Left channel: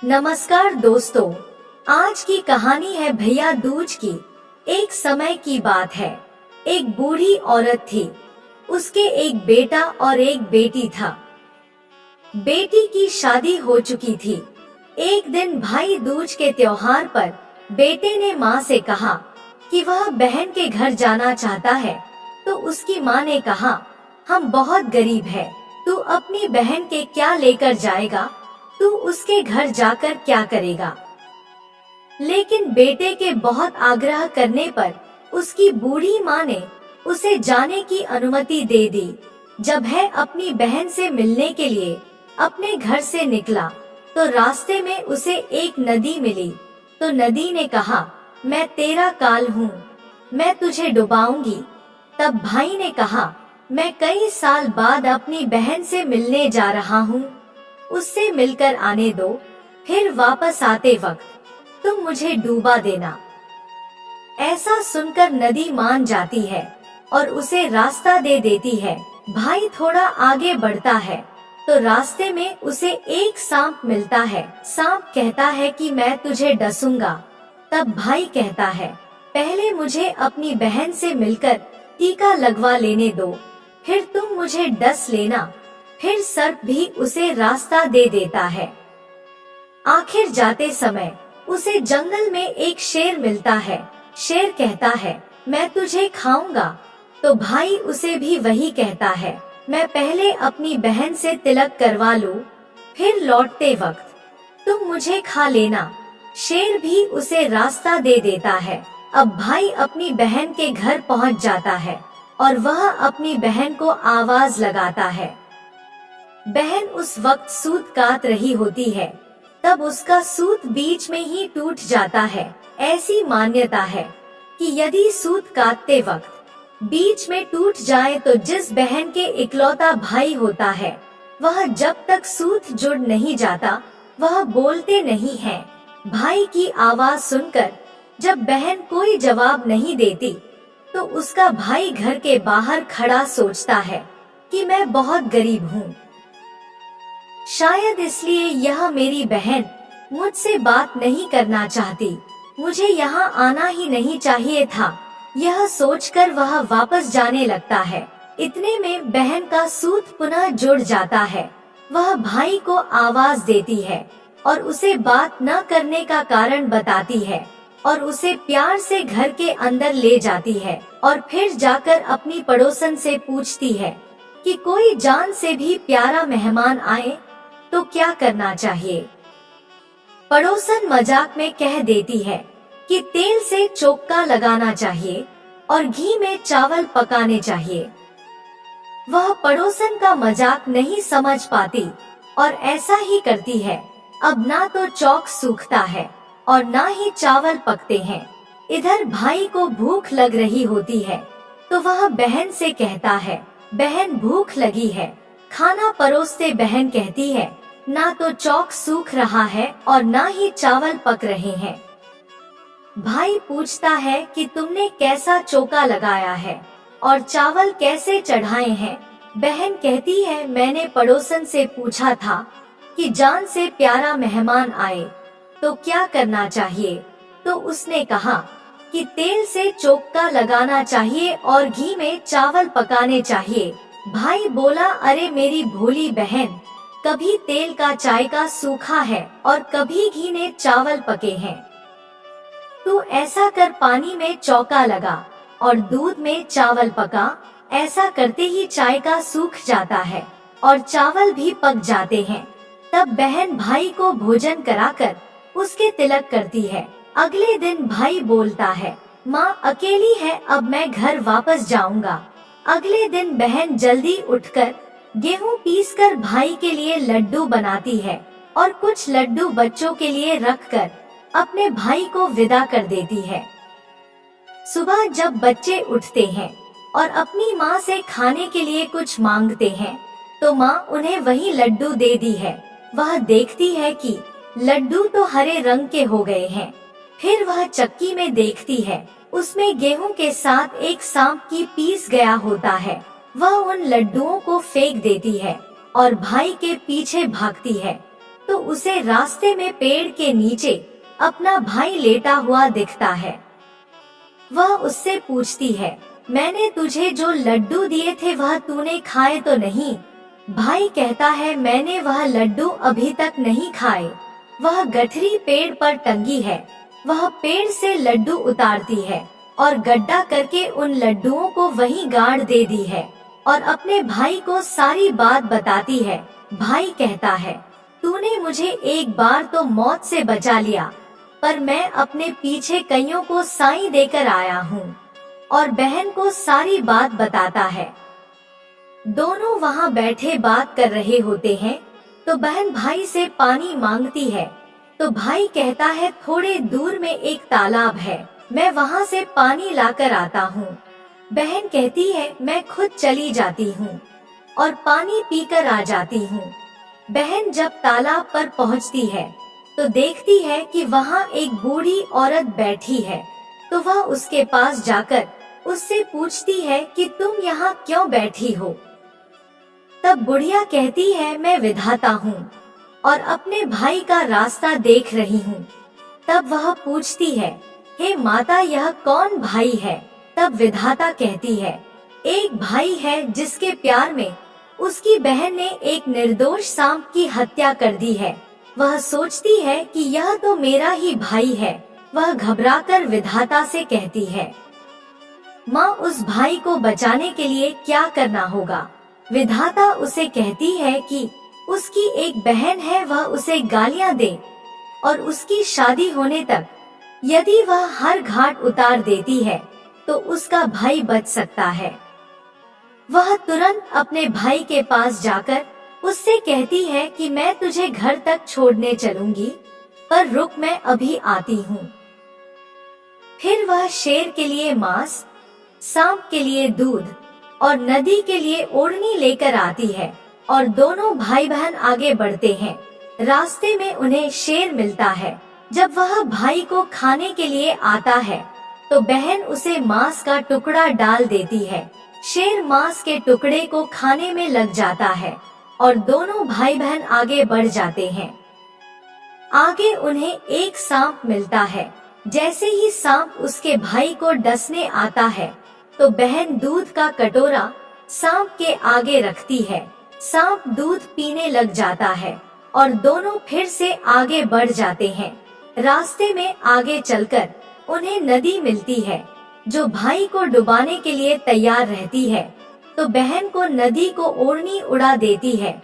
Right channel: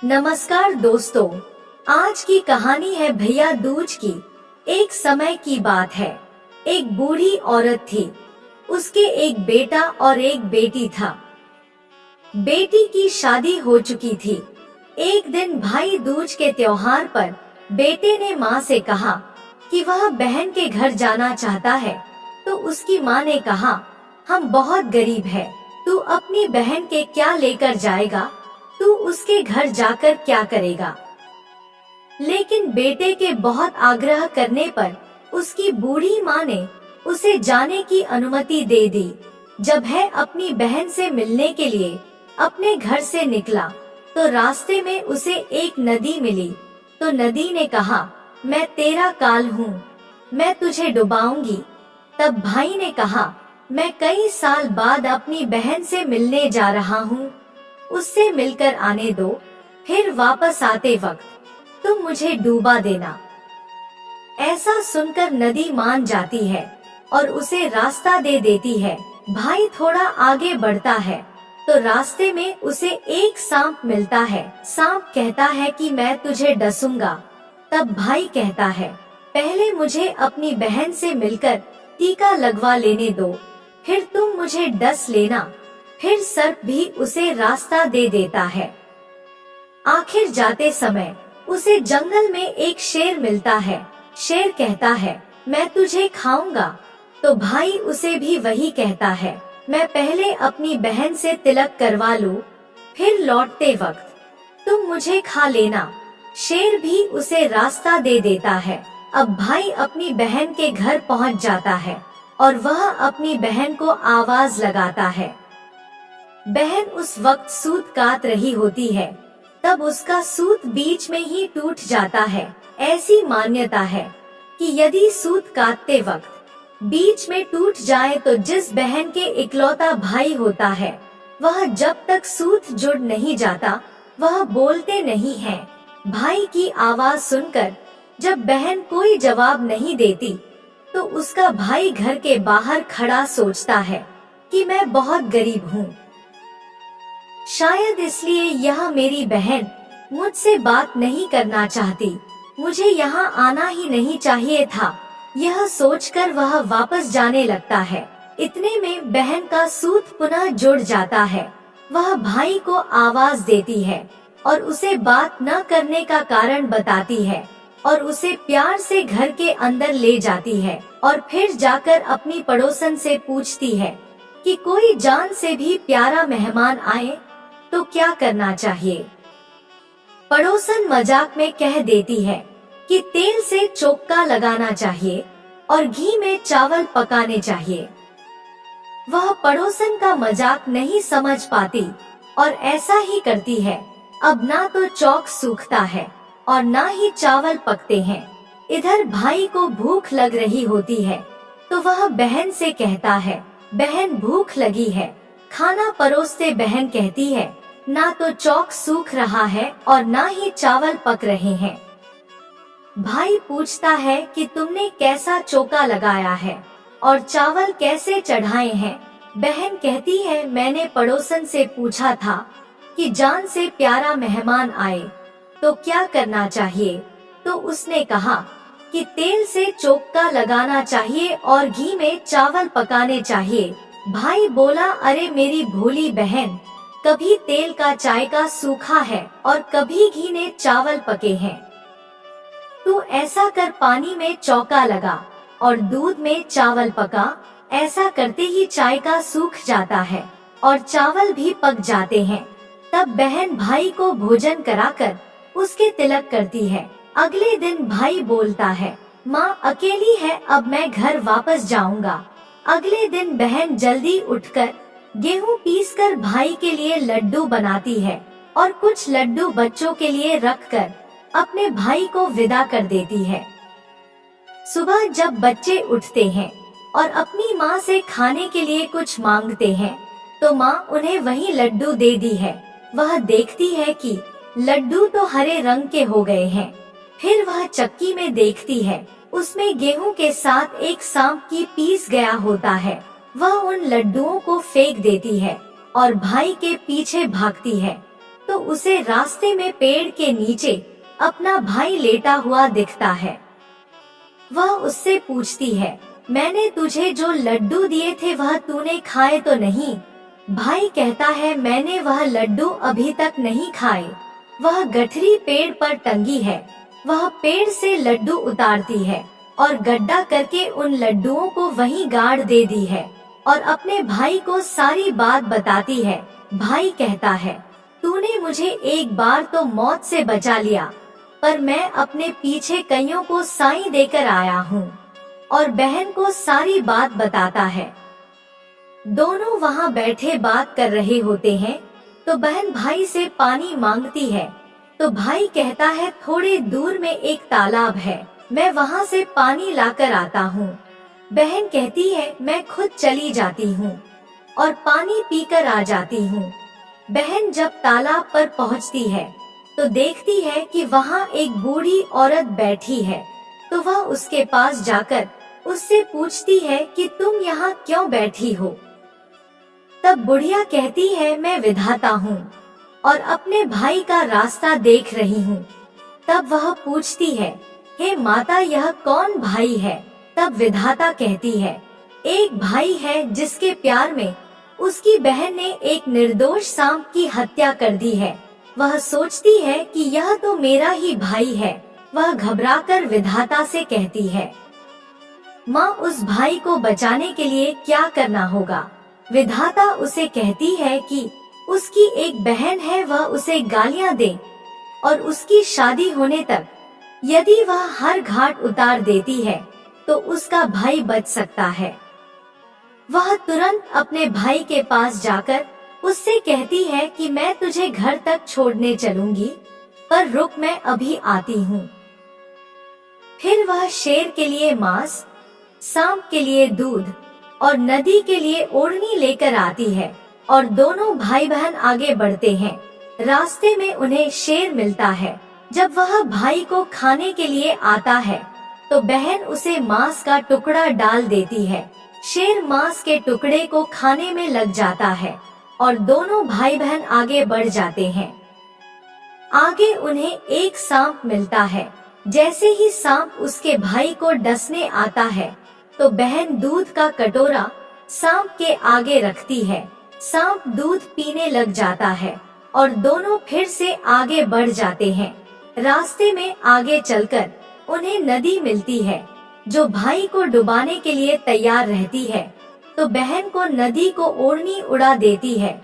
नमस्कार दोस्तों, आज की कहानी है भैया दूज की। एक समय की बात है। एक बूढ़ी औरत थी। उसके एक बेटा और एक बेटी था। बेटी की शादी हो चुकी थी। एक दिन भाई दूज के त्योहार पर बेटे ने माँ से कहा कि वह बहन के घर जाना चाहता है। तो उसकी माँ ने कहा, हम बहुत गरीब है, तू अपनी बहन के क्या लेकर जाएगा? तू उसके घर जाकर क्या करेगा? लेकिन बेटे के बहुत आग्रह करने पर उसकी बूढ़ी माँ ने उसे जाने की अनुमति दे दी। जब है अपनी बहन से मिलने के लिए अपने घर से निकला तो रास्ते में उसे एक नदी मिली। तो नदी ने कहा, मैं तेरा काल हूँ, मैं तुझे डुबाऊंगी। तब भाई ने कहा, मैं कई साल बाद अपनी बहन से मिलने जा रहा हूँ, उससे मिलकर आने दो, फिर वापस आते वक्त तुम मुझे डूबा देना। ऐसा सुनकर नदी मान जाती है और उसे रास्ता दे देती है। भाई थोड़ा आगे बढ़ता है तो रास्ते में उसे एक सांप मिलता है। सांप कहता है कि मैं तुझे डसूंगा। तब भाई कहता है, पहले मुझे अपनी बहन से मिलकर टीका लगवा लेने दो, फिर तुम मुझे डस लेना। फिर सर्प भी उसे रास्ता दे देता है। आखिर जाते समय उसे जंगल में एक शेर मिलता है। शेर कहता है, मैं तुझे खाऊंगा। तो भाई उसे भी वही कहता है, मैं पहले अपनी बहन से तिलक करवा लूं, फिर लौटते वक्त तुम मुझे खा लेना। शेर भी उसे रास्ता दे देता है। अब भाई अपनी बहन के घर पहुंच जाता है और वह अपनी बहन को आवाज लगाता है। बहन उस वक्त सूत काट रही होती है। तब उसका सूत बीच में ही टूट जाता है। ऐसी मान्यता है कि यदि सूत काटते वक्त बीच में टूट जाए तो जिस बहन के इकलौता भाई होता है वह जब तक सूत जुड़ नहीं जाता वह बोलते नहीं है। भाई की आवाज सुनकर जब बहन कोई जवाब नहीं देती तो उसका भाई घर के बाहर खड़ा सोचता है कि मैं बहुत गरीब हूँ। शायद इसलिए यह मेरी बहन मुझसे बात नहीं करना चाहती, मुझे यहाँ आना ही नहीं चाहिए था। यह सोचकर वह वापस जाने लगता है। इतने में बहन का सूत पुनः जुड़ जाता है। वह भाई को आवाज देती है और उसे बात न करने का कारण बताती है और उसे प्यार से घर के अंदर ले जाती है और फिर जाकर अपनी पड़ोसन से पूछती है कि कोई जान से भी प्यारा मेहमान आए तो क्या करना चाहिए। पड़ोसन मजाक में कह देती है कि तेल से चोक्का लगाना चाहिए और घी में चावल पकाने चाहिए। वह पड़ोसन का मजाक नहीं समझ पाती और ऐसा ही करती है। अब ना तो चौक सूखता है और ना ही चावल पकते हैं। इधर भाई को भूख लग रही होती है तो वह बहन से कहता है, बहन भूख लगी है, खाना परोसते। बहन कहती है, ना तो चौक सूख रहा है और ना ही चावल पक रहे हैं। भाई पूछता है कि तुमने कैसा चोका लगाया है और चावल कैसे चढ़ाए हैं। बहन कहती है, मैंने पड़ोसन से पूछा था कि जान से प्यारा मेहमान आए तो क्या करना चाहिए, तो उसने कहा कि तेल से चोका लगाना चाहिए और घी में चावल पकाने चाहिए। भाई बोला, अरे मेरी भोली बहन, कभी तेल का चाय का सूखा है और कभी घी ने चावल पके हैं। तू ऐसा कर, पानी में चौका लगा और दूध में चावल पका। ऐसा करते ही चाय का सूख जाता है और चावल भी पक जाते हैं। तब बहन भाई को भोजन कराकर उसके तिलक करती है। अगले दिन भाई बोलता है, माँ अकेली है, अब मैं घर वापस जाऊंगा। अगले दिन बहन जल्दी उठकर गेहूं पीसकर भाई के लिए लड्डू बनाती है और कुछ लड्डू बच्चों के लिए रखकर अपने भाई को विदा कर देती है। सुबह जब बच्चे उठते हैं और अपनी माँ से खाने के लिए कुछ मांगते हैं तो माँ उन्हें वही लड्डू दे दी है। वह देखती है कि लड्डू तो हरे रंग के हो गए हैं। फिर वह चक्की में देखती है, उसमें गेहूं के साथ एक सांप की पीस गया होता है। वह उन लड्डुओं को फेंक देती है और भाई के पीछे भागती है तो उसे रास्ते में पेड़ के नीचे अपना भाई लेटा हुआ दिखता है। वह उससे पूछती है, मैंने तुझे जो लड्डू दिए थे वह तूने खाए तो नहीं? भाई कहता है, मैंने वह लड्डू अभी तक नहीं खाए। वह गठरी पेड़ पर टंगी है। वह पेड़ से लड्डू उतारती है और गड्ढा करके उन लड्डुओं को वहीं गाड़ दे दी है और अपने भाई को सारी बात बताती है। भाई कहता है, तूने मुझे एक बार तो मौत से बचा लिया, पर मैं अपने पीछे कईयों को साईं देकर आया हूँ। और बहन को सारी बात बताता है। दोनों वहाँ बैठे बात कर रहे होते हैं तो बहन भाई से पानी मांगती है। तो भाई कहता है, थोड़े दूर में एक तालाब है, मैं वहाँ से पानी लाकर आता हूँ। बहन कहती है, मैं खुद चली जाती हूँ और पानी पीकर आ जाती हूँ। बहन जब तालाब पर पहुँचती है तो देखती है कि वहाँ एक बूढ़ी औरत बैठी है। तो वह उसके पास जाकर उससे पूछती है कि तुम यहाँ क्यों बैठी हो? तब बुढ़िया कहती है, मैं विधाता हूँ और अपने भाई का रास्ता देख रही हूँ। तब वह पूछती है, हे माता, यह कौन भाई है? तब विधाता कहती है, एक भाई है जिसके प्यार में उसकी बहन ने एक निर्दोष सांप की हत्या कर दी है। वह सोचती है कि यह तो मेरा ही भाई है। वह घबराकर विधाता से कहती है, माँ, उस भाई को बचाने के लिए क्या करना होगा? विधाता उसे कहती है कि उसकी एक बहन है, वह उसे गालियाँ दे और उसकी शादी होने तक यदि वह हर घाट उतार देती है तो उसका भाई बच सकता है। वह तुरंत अपने भाई के पास जाकर उससे कहती है कि मैं तुझे घर तक छोड़ने चलूंगी, पर रुक, मैं अभी आती हूँ। फिर वह शेर के लिए मांस, सांप के लिए दूध और नदी के लिए ओढ़नी लेकर आती है और दोनों भाई बहन आगे बढ़ते हैं। रास्ते में उन्हें शेर मिलता है। जब वह भाई को खाने के लिए आता है तो बहन उसे मांस का टुकड़ा डाल देती है। शेर मांस के टुकड़े को खाने में लग जाता है और दोनों भाई बहन आगे बढ़ जाते हैं। आगे उन्हें एक सांप मिलता है। जैसे ही सांप उसके भाई को डसने आता है तो बहन दूध का कटोरा सांप के आगे रखती है। सांप दूध पीने लग जाता है और दोनों फिर से आगे बढ़ जाते हैं। रास्ते में आगे चलकर उन्हें नदी मिलती है जो भाई को डुबाने के लिए तैयार रहती है। तो बहन को नदी को ओढ़नी उड़ा देती है।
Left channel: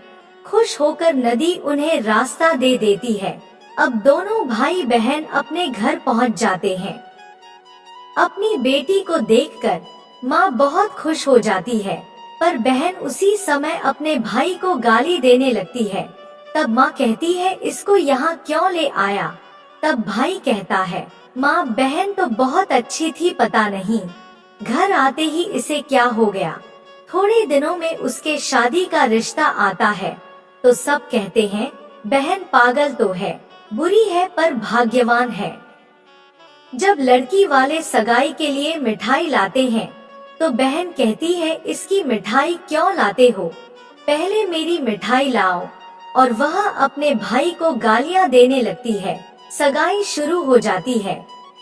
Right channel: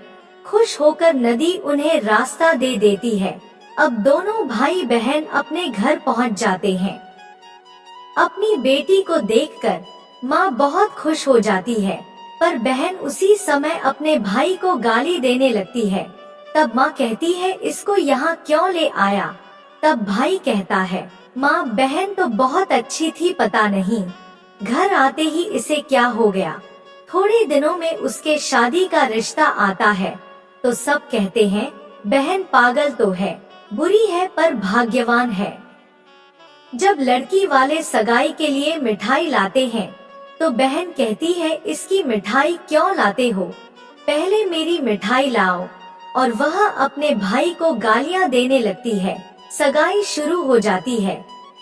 खुश होकर नदी उन्हें रास्ता दे देती है। अब दोनों भाई बहन अपने घर पहुंच जाते हैं। अपनी बेटी को देखकर माँ बहुत खुश हो जाती है, पर बहन उसी समय अपने भाई को गाली देने लगती है। तब माँ कहती है, इसको यहाँ क्यों ले आया? तब भाई कहता है, माँ, बहन तो बहुत अच्छी थी, पता नहीं घर आते ही इसे क्या हो गया। थोड़े दिनों में उसके शादी का रिश्ता आता है तो सब कहते हैं, बहन पागल तो है, बुरी है पर भाग्यवान है। जब लड़की वाले सगाई के लिए मिठाई लाते हैं तो बहन कहती है, इसकी मिठाई क्यों लाते हो? पहले मेरी मिठाई लाओ। और वह अपने भाई को गालियां देने लगती है। सगाई शुरू हो जाती है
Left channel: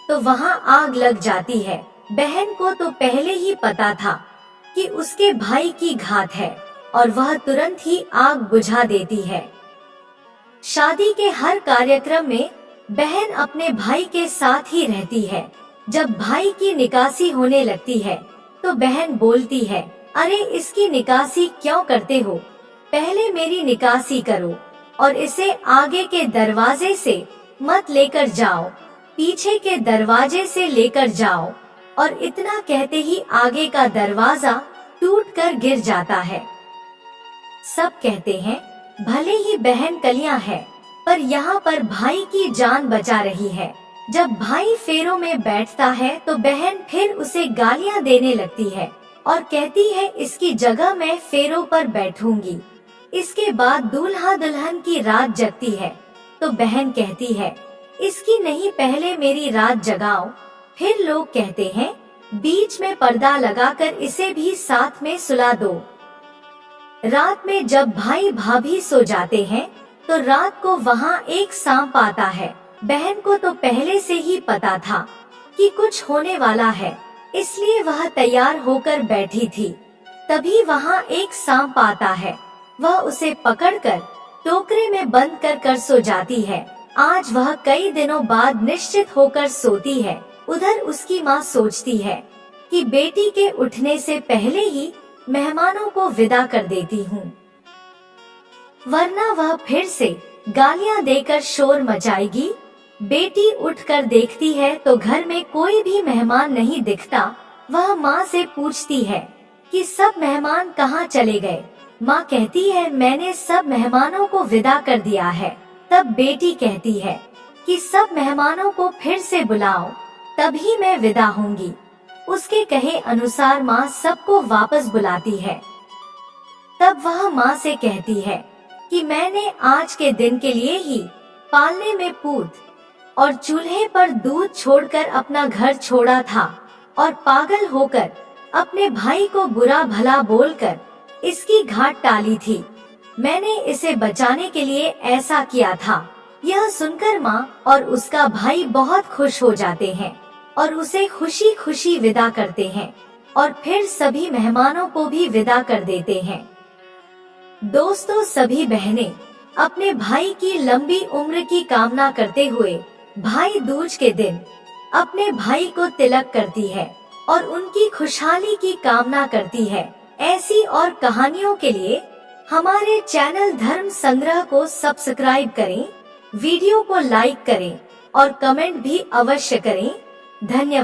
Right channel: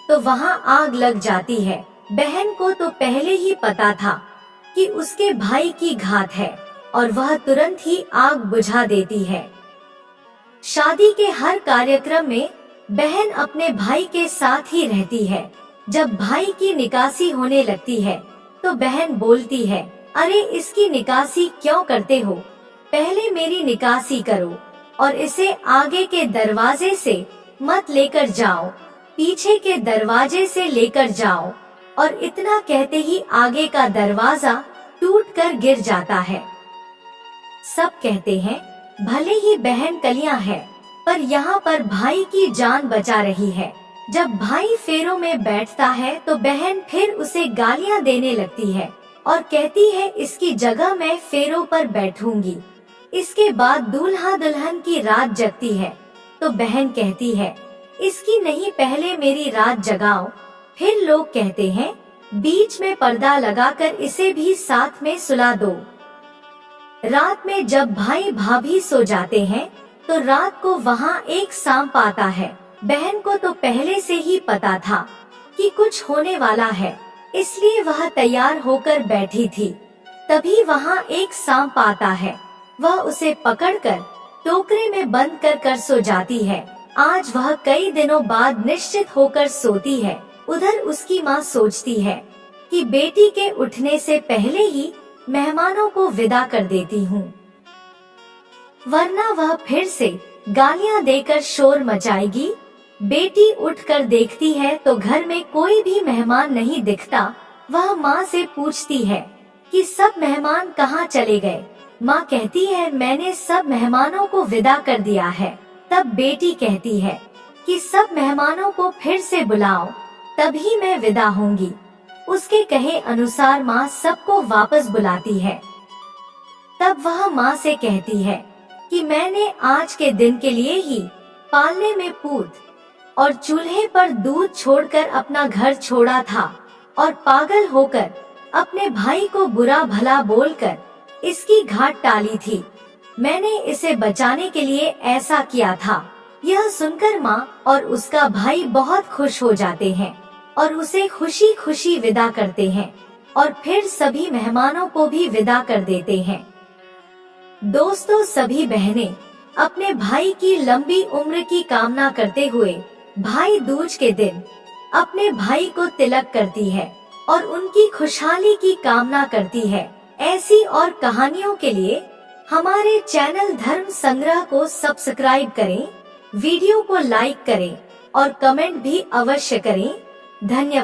तो वहाँ आग लग जाती है। बहन को तो पहले ही पता था कि उसके भाई की घात है और वह तुरंत ही आग बुझा देती है। शादी के हर कार्यक्रम में बहन अपने भाई के साथ ही रहती है। जब भाई की निकासी होने लगती है तो बहन बोलती है, अरे इसकी निकासी क्यों करते हो? पहले मेरी निकासी करो और इसे आगे के दरवाजे से मत लेकर जाओ, पीछे के दरवाजे से लेकर जाओ। और इतना कहते ही आगे का दरवाजा टूटकर गिर जाता है। सब कहते हैं, भले ही बहन कलियां है पर यहाँ पर भाई की जान बचा रही है। जब भाई फेरों में बैठता है तो बहन फिर उसे गालियां देने लगती है और कहती है, इसकी जगह मैं फेरों पर बैठूंगी। इसके बाद दूल्हा दुल्हन की रात जगती है तो बहन कहती है, इसकी नहीं, पहले मेरी रात जगाओ। फिर लोग कहते हैं, बीच में पर्दा लगाकर इसे भी साथ में सुला दो। रात में जब भाई भाभी सो जाते हैं तो रात को वहाँ एक सांप आता है। बहन को तो पहले से ही पता था कि कुछ होने वाला है, इसलिए वह तैयार होकर बैठी थी। तभी वहाँ एक सांप आता है। वह उसे पकड़कर टोकरे में बंद कर सो जाती है। आज वह कई दिनों बाद निश्चित होकर सोती है। उधर उसकी माँ सोचती है कि बेटी के उठने से पहले ही मेहमानों को विदा कर देती हूँ, वरना वह फिर से गालियाँ देकर शोर मचाएगी। बेटी उठकर देखती है तो घर में कोई भी मेहमान नहीं दिखता। वह माँ से पूछती है कि सब मेहमान कहाँ चले गए। माँ कहती है मैंने सब मेहमानों को विदा कर दिया है। तब बेटी कहती है कि सब मेहमानों को फिर से बुलाओ, तभी मैं विदा होंगी। उसके कहे अनुसार माँ सबको वापस बुलाती है। तब वह माँ से कहती है कि मैंने आज के दिन के लिए ही पालने में पूत और चूल्हे पर दूध छोड़कर अपना घर छोड़ा था और पागल होकर अपने भाई को बुरा भला बोलकर इसकी घाट टाली थी। मैंने इसे बचाने के लिए ऐसा किया था। यह सुनकर माँ और उसका भाई बहुत खुश हो जाते हैं और उसे खुशी खुशी विदा करते हैं और फिर सभी मेहमानों को भी विदा कर देते हैं। दोस्तों, सभी बहनें अपने भाई की लंबी उम्र की कामना करते हुए भाई दूज के दिन अपने भाई को तिलक करती है और उनकी खुशहाली की कामना करती है। ऐसी और कहानियों के लिए हमारे चैनल धर्म संग्रह को सब्सक्राइब करें, वीडियो को लाइक करें और कमेंट भी अवश्य करें। धन्यवाद।